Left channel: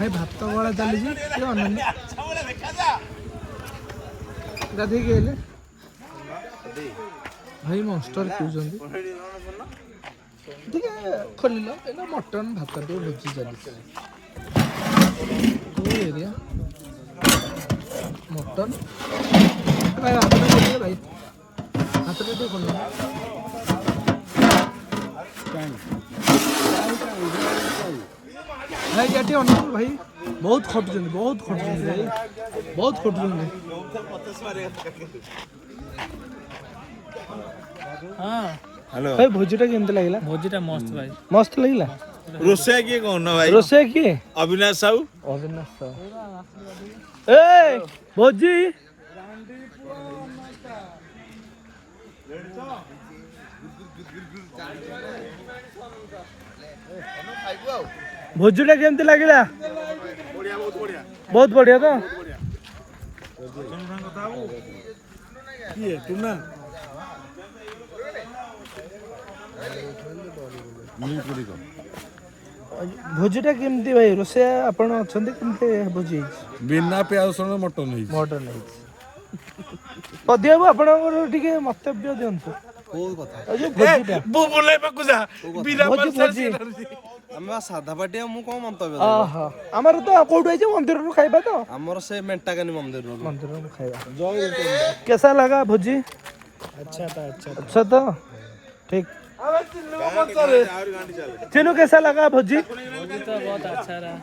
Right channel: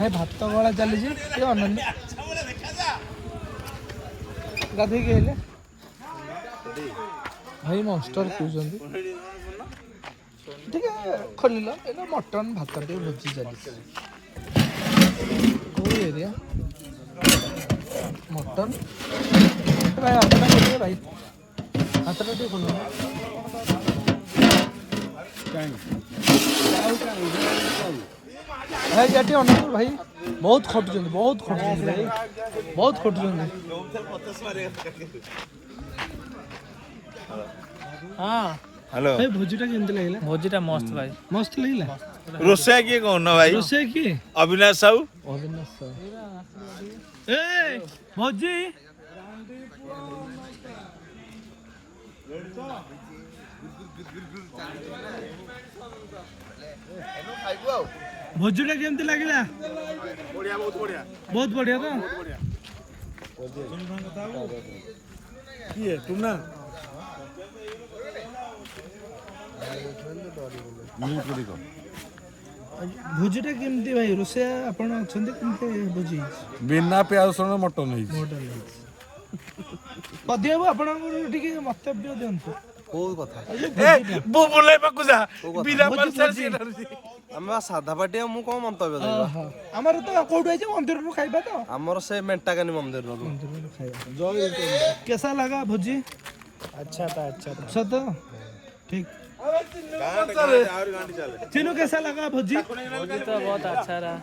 ଭାଇ ଭାତ ବଳା ଚାଲିଛି ଗାଧେଇକି ହେଲେ ଭାଇ ମନଷ୍ଟର ପିଉଛନ୍ତି ଟିକେ ଖୋଲିଲ ଏଇଟା ମଟନ ଭାତ ଟିକେ ଭୋଜି ଚାଲିଛି କୋଉ ଏରିଆ ମଟନ ଭାଇ ଭାତଟା ଟିକେ ଖୋଲିଲ भाई जाती हो ना भाई बहुत खटुଛନ୍ତି भाई बहुत खटुଛନ୍ତି हाँ हेलो भाई भोजीटा केमती लागला भोजीटा मस्त भाई मस्त लागला रोसे किए कौन ना भाई रोसे किए अविनाश साहू ए भोजी भोजीटा केमती लागला बढ़िया बहुत बढ़िया बहुत बढ़िया तो किए तुम ना भोजीटा केमती भाई रोसे आपण अछंती केमती भोजी बिना प्याज रसुण मटन है मटन है पदियाबु आपणकर टिके मन्तव्य दियंतु कोई कथा बो बोले बाकु जा बिना भोजी आम साधा पाटिया मु कौन मंतव्य आमर तो कोठु आइजे मंदिर रु खाइबा तो आमर से मेंटाकानी मंदिर रु खाइबा कैसा लगा भोजी अच्छा तो ठीक चिनू कैसा लगा भोजी तो बहुत अच्छा रहा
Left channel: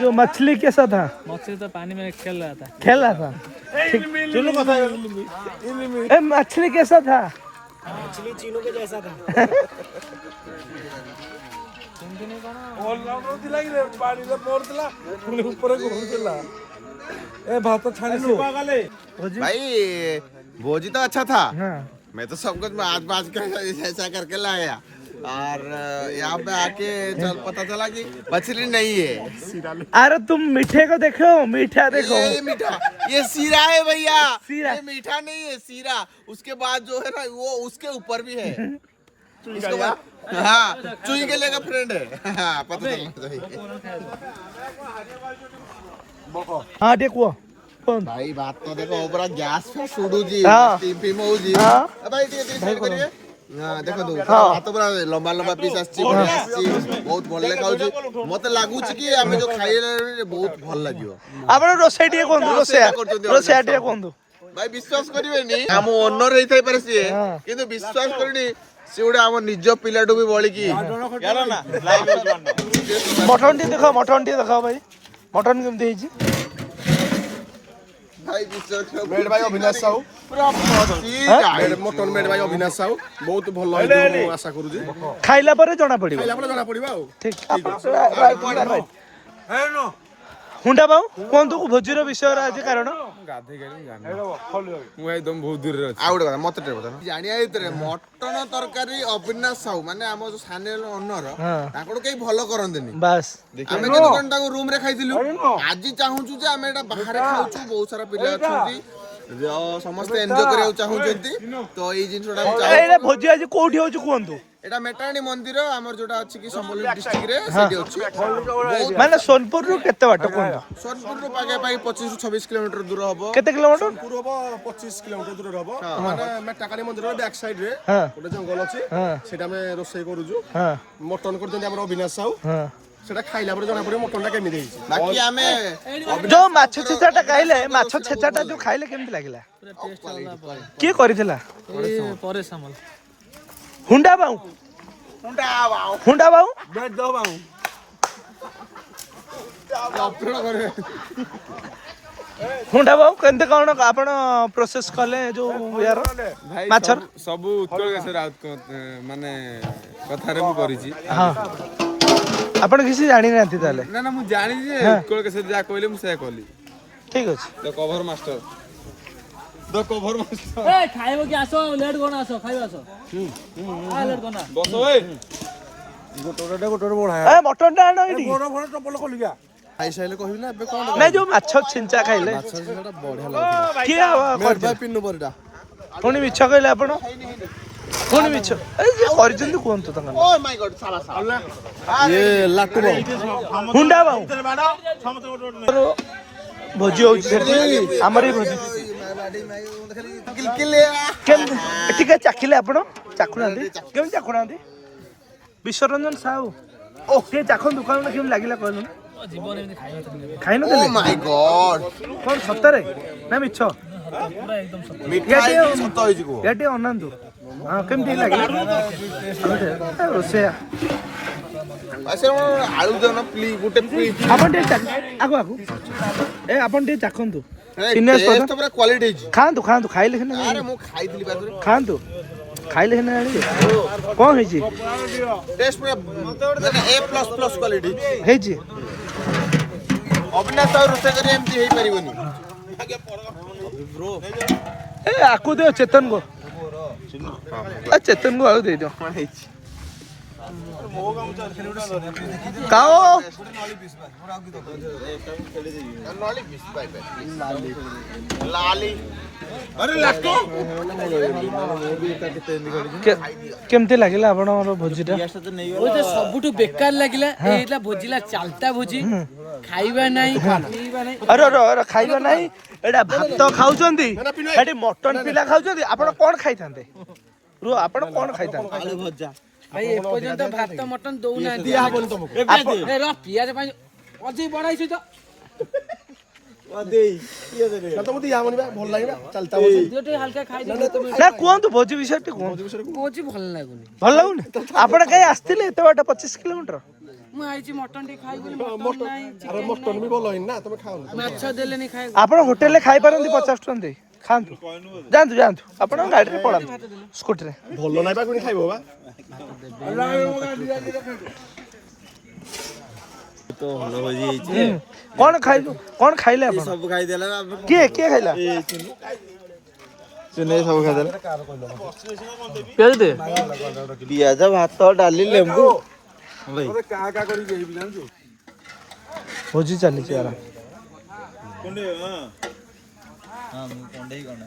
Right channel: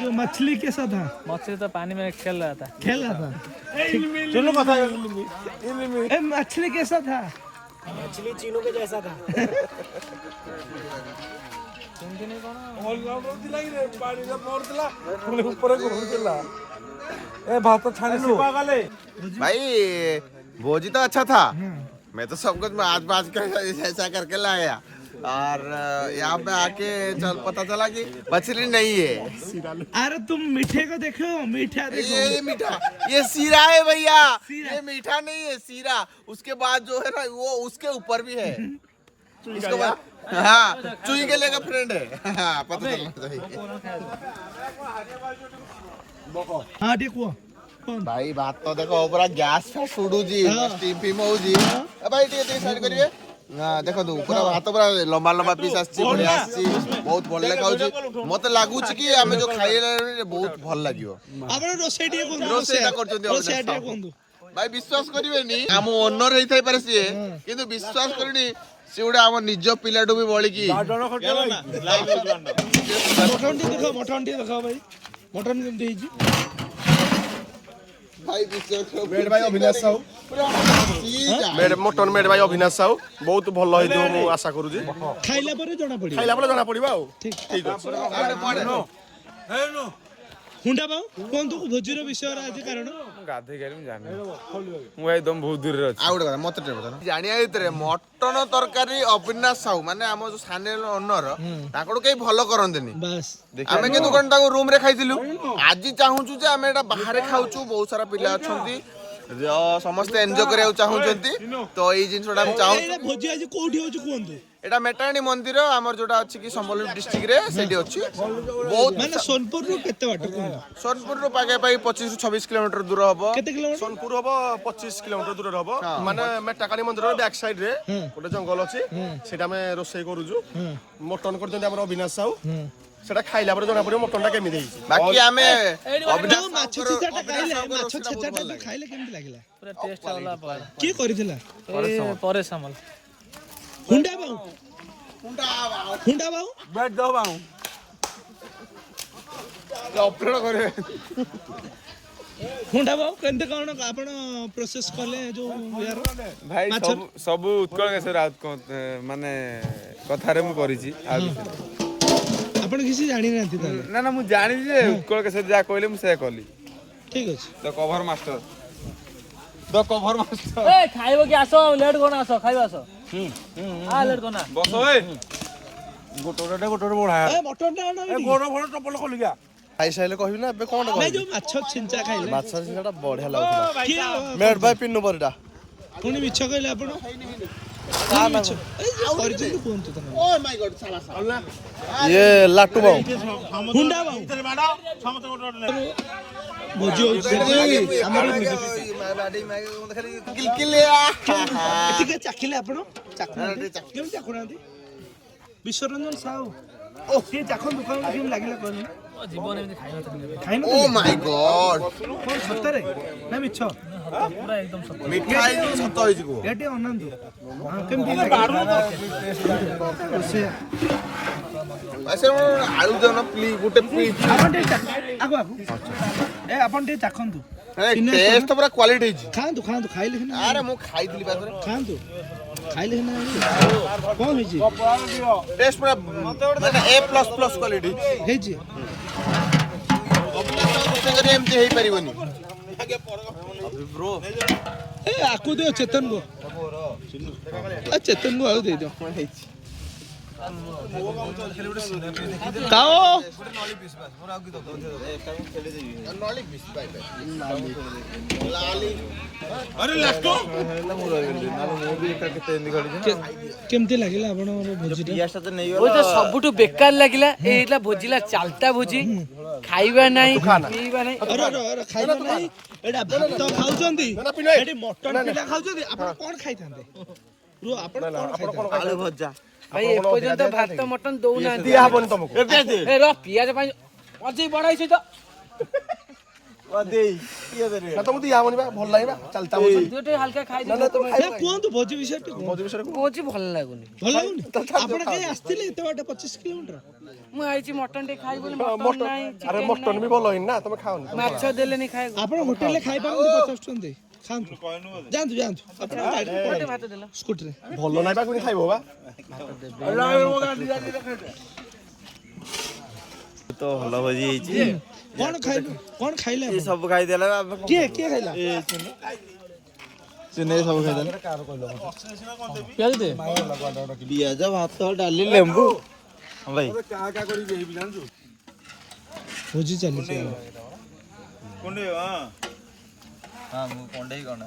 जो मछली कैसा था मछली तो पानी में खेल रहा था चलो कथा मछली कैसा था मछली चीनू के जैसा था भाई भोजी तो अच्छा था मैं तो सब कुछ आज बाज कर ऐसा करके लाया और यहाँ पे आके पता चला कि मछली नहीं है अरे तुम मीठे को देखो मीठा देखो ये मीठा ये सीरा है भैया ये मीठा नहीं है सीरा उसके बाद जो है ना वो उसके ऊपर भी है इसके बाद हाँ चुई के लेकर फ्रेंड है हाँ पता चलना चाहिए हाँ देखो भाई बात तो देखो पूरा गैस पे सुडू जी स्टीम पी मौ जी भाई ठीक करिए हां देखो दो भात पूरा लंबा लंबा पीस आछि बढ़िया आछि बहुत भल लागाउ छी मते लागु छी कि हमें जो खाइले बहुत भल लागियो आपण रोसे टिए कोन रोसे टिए कोन भाई विश्वास करिवेनी हम ओनर रही थाई पारे सिए किंतु विश्वास करनी सिउडा हम निज पिलाडू भी बोली की मटन टी देखो भाई मटन केमती हिची भाई विश्वास करो मेड भाई अविनाश साहू मटन मेड भाई अविनाश साहू बहुत भल है मु आशा करू जी खाइला परे जना पड़िबो आ ठीक है हुंडा बाऊ कोंतु भोजीर विषय आज कारण गाधे गाड़ी जाने मु एकदम बहुत दूर रे आ गुटे मत टे बता जानिया इतरे मटन तरकारी अविनाश साहू माने हम जो सानेल ओनर ताकड़ के भलो करंदेनी बस आमे के दुकान ताको रूम रे खाइदिलु आज चाहूछु जे आमे एटा बाहर खाउछु बहुत सारा पिला अछंती जो समस्त एन्जॉय करिया चाहूचंती तो एई जिंसडा चाहू एटा भोजी आज कोठी होछु कोंतु एटा मेटाणी मंदिर हमर जोटा अछि कि संबलपुर डिस्ट्रिक्ट रे सेठी अछि बहुत माने सोनपुर रु केते बाटो कोंतु सोनपुर रु पागे पाई 25 रु 26 किलोमीटर दूर हबो केते किलोमीटर सोनपुर हबो 25 किलोमीटर दूर हबो माने मेटाकाणी मंदिर रो बैक साइड रे गोटे जंगल अछि सेटा में रोसई करूजु मटन करजंती हमर अविनाश साहू सेटा खाइला पर जना पड़ियो मटनटा केमि देई बाकी हमें जो माछ छेचाटा खाइले माछ छेचाटा जो खाइले केमति लागिला पूरा टेस्ट वाला के करिथिला परेश सामल हुंडा बाऊ बैठ जाओ बाऊ अपलोड करे हुंडा बाऊ केनते कोन आपण प्रोसेस कले जो यार भाई माछ सब उत्कल केशर माने कथारे मु करिछि हां आपण किसी जानि नाथि ताले ना ना मु जानि जे उत्कल केशर जा कहले मु से कहली ठीक अछि तो कवर मास्टर ए खाइबो कि आसो लेट कोन आसो खाइबो आसो आ लेट कोन बसो ए गोटोडे बढा ए मटन टा आनो इडी गोडो गोडो टपल खोलिगा खाइ साइले कहबी ना बे कोन नै जो माछ छिंचा खाइले माछ सेटा बढ़िया लागला के मेड भाई पिन्नु परडा कोनी मिछ कहले आपण ପୁଣି ମିଛ ଏ ଯେ କରିଛନ୍ତି କୁହନ୍ତୁ ତାଙ୍କ ନାଁ। ଓ ମାଇ ଗଡ ସାଲା ସାଲା ଇଏ ଲାଟୁ ବାବୁ ହୁଣ୍ଡା ବାବୁ ଭୋଜି ହଉଛି ସେଠି ଆମର ବି ଭୋଜି କେମିତି ଟିକେ ଚାଖିଲେ ଆପଣ ଚାଖୁନାହାନ୍ତି କେମିତି ଚାଖୁନାହାନ୍ତି ବିଶ୍ୱରଞ୍ଜନ ସାହୁ ଓ ଟିକେ ଚାଖନ୍ତୁ ଦୋକାନ କେମିତି ଲାଗିଲା କହିଲୁ ଜୀବନ ଏମିତି ଖାଇବା ଖାଇନ ଓ ମାଇ ଗଡ କଣ ସତରେ ନା ମିଛ ପୁରା ଏକଦମ ସତ। ମିଠା ହେଇକି ସତ ହେଇଛି କୁହ ଏ ଟିକେ ଅନାନ୍ତୁ ହଁ କେମିତି ଲାଗିଲା ରୋଷେଇଆ ଆଚ୍ଛା ଆଳୁ ଦେଉନ ପ୍ଲିଜ୍ ଗୋଟେ ପ୍ଲିଜ୍ ଆପଣ ଟିକେ ଆଗୁ ଆଗୁ ଏ ଆପଣ ଟିକେ ଚାଖନ୍ତୁ ଟେଷ୍ଟ ପୁରା କ୍ୱାଲିଟି ହେଇଛି ଖାଆନ୍ତୁ ଖାଆନ୍ତୁ ଖାଇଲେ ସିନା ଆରେ ମୁଁ ଖାଇଥିଲି ପାଖରେ ଖାଆନ୍ତୁ ଖାଇଲେ ସିନା ଜାଣିବେ କଣ ହେଇଛି ଟେଷ୍ଟ ପୁରା ମାନେ A++ କ୍ୱାଲିଟି ହେଇଛି ଅବିନାଶ ଆଉ ରୋଷେଇ କରି ଏମିତି ହେଇପାରିବନି ଏ ଆକୁ ଦିଅ ଚେତନ କୁ ଚେତନ କୁ ଆଉ ଦେଇଦିଅ କାଓ ଲାଲି କେମିତି ଲାଗିଲା ଆପଣଙ୍କର ଭୋଜିଟା ସବୁଠୁ ବେକାର ଲାଗିଲା ଏଇଟା ଭୋଜିଲା ଚାଲଟା ଭୋଜି ଖାଇବା ନାହିଁ ପିଇବା ନାହିଁ। ଆରେ ଖାଇବା ନାହିଁ ଏଇଟା ଭାତ ଖାଉଛନ୍ତି ଏଠି ମଟନ ପିଲା ଖାଉଛନ୍ତି ଆପଣ କଣ ଖାଇଥାନ୍ତେ ରୁହ ଆପଣ କଣ ଖାଇଥାନ୍ତେ ଆଳୁ ଭଜା ଭାଇ ଏପର୍ଯ୍ୟନ୍ତ ଭାତ ମଟନ ଦଉନାହାନ୍ତି ପିଆଜ ପାଇଁ ଅଜେଇ ବଢାଇଛି ତ ଟିକେ ହାଲକା ଖାଇଦେବେ ନା କୁହନ୍ତୁ ଭୋଜି ବିଷୟ ଟିକେ କୁହନ୍ତୁ ଭୋଜି ଭଲ ଲାଗୁନି। ଭଲ ଲାଗୁନି ଆପଣ କାହିଁ ଆସିଥିଲେ ଏତେ ବାଟ 25 କିଲୋମିଟର ମୁଁ ଆଇଛି ମଟନ ଟିକେ ଖାଇବି ବୋଲି ମଟନ ନାହିଁ ଚିକେନ ବି ଭଲ ହେଇନି ନା ତମେ ଖାଅନି ମାଛ ଦେଲେନି ଖାଇବାକୁ ଆପଣ ହୋଟେଲରେ ଖାଇପାରନ୍ତି 50 ଟଙ୍କା ଦେଇ ଖାଆନ୍ତୁ ଯାଆନ୍ତୁ ଆପଣ ଗାଡ଼ିରେ ପଳାନ୍ତୁ ସ୍କୁଟିରେ ଭଲ ନାହିଁ ବା କୋଉଠି ଖାଇବ ବା ତ ଭଲ ଭୋଜି ହେଇଛି କଣ ଖାଇଲେ ଆପଣ ସବୁ ଖାଇଦେଲା କିଏ ଖାଇଲା ଚିନେଇ ସବୁ ଖାଇଦେଲା ପିଆଜ ଭାତ ଡାଲି ଲେମ୍ବୁ ଭାଇ ଭୋଜି ଚାଲିଛି ଆରାମ ହଁ ମୁଁ କଣ୍ଡେଇ କଣ